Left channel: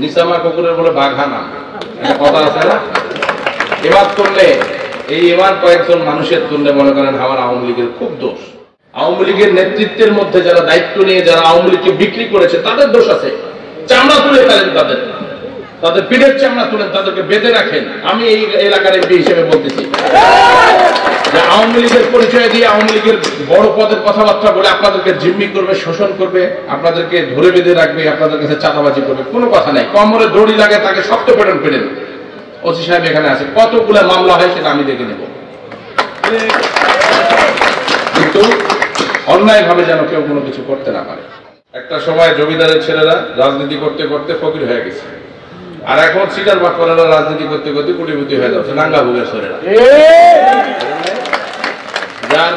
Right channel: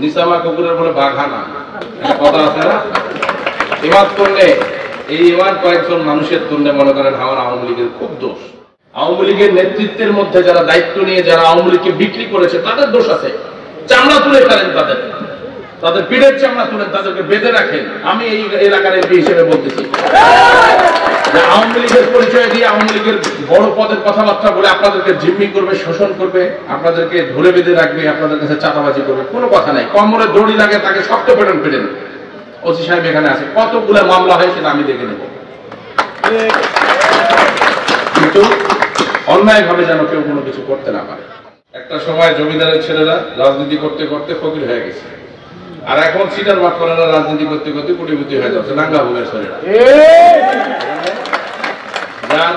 নিসামা কুকুরের বলে বাঘানা কথা আছে না? এবার করলে এই এবার কয়েকজন মানুষের তুললে মনে করেন আমার আওয়ামী লীগের খুব দোষ। আওয়ামী লীগের নেতৃত্বের মধ্যে যারা দায়িত্ব নিয়ে যারা আওয়ামী লীগকে বিক্রি করেছে তাদের দোষ আছে। চামড়া তুলে ফেলেন তাদের পিঠের চামড়া তুলেন, তাদেরকে বেঁধে রাখেন। আমি এই এলাকার এমপি হিসেবে বলতেছি যে আওয়ামী লীগের পরিচয় দিয়ে আওয়ামী লীগের বড় পদের কথাবার্তা বলে আপনাদেরকে জিম্মি করবে, শোষণ করবে, আপনাদেরকে ধরে বেঁধে রাখবে, আপনাদের কাছে চাঁদাবাজি করবে, কোনো কথা নাই। কমরে দড়ি লাগে তাকে শক্ত পেটেন। ওসি সাহেব এখানে আছে, কতগুলো মামলা হয় সেটা আমি দেখে নেব, কিন্তু অন্যায় ভাবে যেন কেউ কোনো কিছু করতে না পারে। একটা সময় জমিদারের ছেলেরা রাজনীতি করতে করতে ফকির হয়ে গেছে, আর এখন সিটার বাটপাড়ারা রাজনীতি করতে করতে কোটিপতি হয়ে যাচ্ছে, নাঙ্গা ভোগের ছেলেরা। যার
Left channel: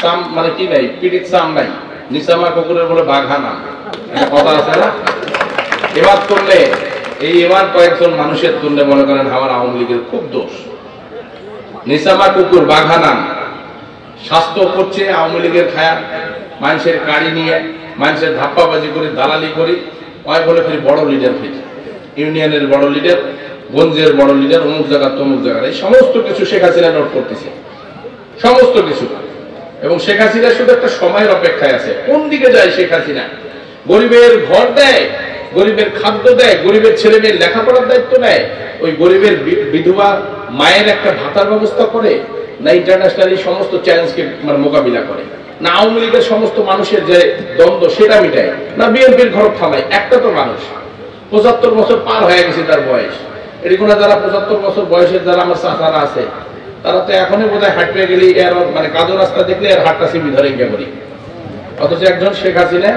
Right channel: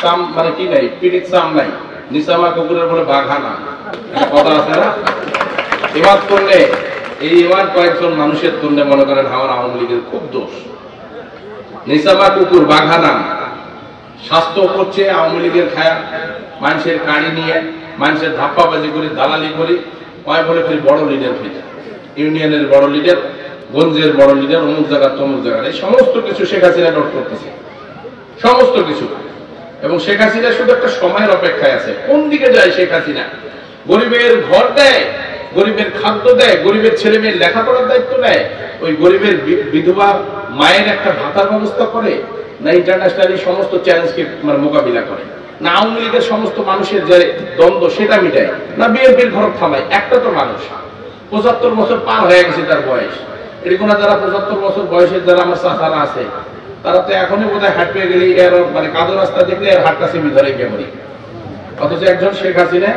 সাম মানে কি নাই, পিঠির সাম নাই, নিসামা কুকুরের বলে বাঘানা কথা আছে না? এবার করলে এই এবার কয়েকজন মানুষের তুললে মনে করেন আমার আওয়ামী লীগের খুব দোষ। নিসামা কুকুর বাঘানা স্বাস্থ্য করছে আওয়ামী লীগের খায়া, মানুষের কাড়ি নিয়ে মানুষের ধাপ্পাবাজি করি, দালালি করি, ওই বলে ফির বড় লিডার ফেলে, ইউনিয়নের বড় লিডার, গঞ্জের বড় লিডার, অমুক জায়গা তমুক জায়গায়, এই সমস্ত কিছু শেখ হাসিনা নোট করতেছে, সমস্ত কিছু। এবং শেখ হাসিনা শুধু একটা সময়ের অপেক্ষায় আছে, কোন দিকে যায় শেখ হাসিনা? গরিবের ঘর দেয়, গরিবের খাদ্য দেয়, গরিবের ছেলে মেয়ের লেখাপড়ার দায়িত্ব নেয়, ওই গরিবের বিধবা মায়ের একটা ভাতার ব্যবস্থা করে, না ইন্টারন্যাশনালি সমস্ত চ্যালেঞ্জকে মোকাবিলা করে, না আওয়ামী লীগের সমস্ত মানুষের যে দ্বন্দ্ব সেটা মিটায়, না বিএনপির ঘর থামায়? একটা তো মানুষ 75 বছর পার হয়ে গেছে তার বয়স। এরকম যারা 75 বছর বয়সের যারা আমার চাচারা আছে, তারা তো এখনই বোধহয় হাঁটতে গেলে এর মানে কাদো রাস্তা দেখলে এর হাতটা সিমি ধরে গেমরি। অথচ একজন শেখ হাসিনা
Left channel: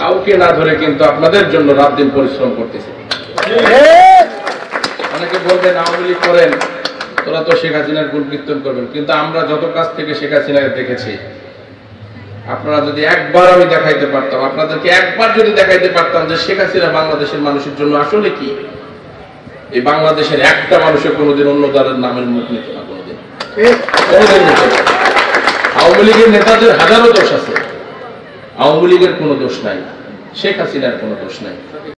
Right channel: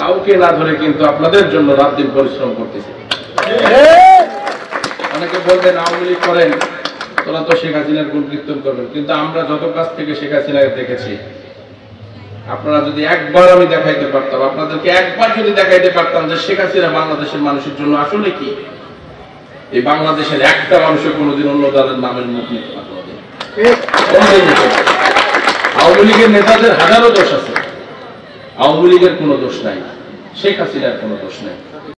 কাউকে না ধরে কিন্তু আপনাদের জন্য রাত দিন পরিশ্রম করতেছে। অনেকে বলবেন আওয়ামী লীগ করেন, তোরা তো শেখ হাসিনার গুণ কীর্তন করবেন, কিন্তু আমরা যত কাছ থেকে শেখ হাসিনাকে দেখেছি, আপনারা যদি একবার আমি দেখাইতে পারতাম, আপনাদেরকে একবার যদি দেখাইতে পারতাম যে শেখ হাসিনা বাংলাদেশের মানুষের জন্য আসলে কি, এই বাংলাদেশের একটা মানুষের কোনোদিন অন্য দলের নামের মুখ নিতে পারবে না। আওয়ামী লীগের নেতাদের হাজারো দোষ আছে, আওয়ামী লীগের কোনো দোষ নাই, শেখ হাসিনার কোনো দোষ নাই।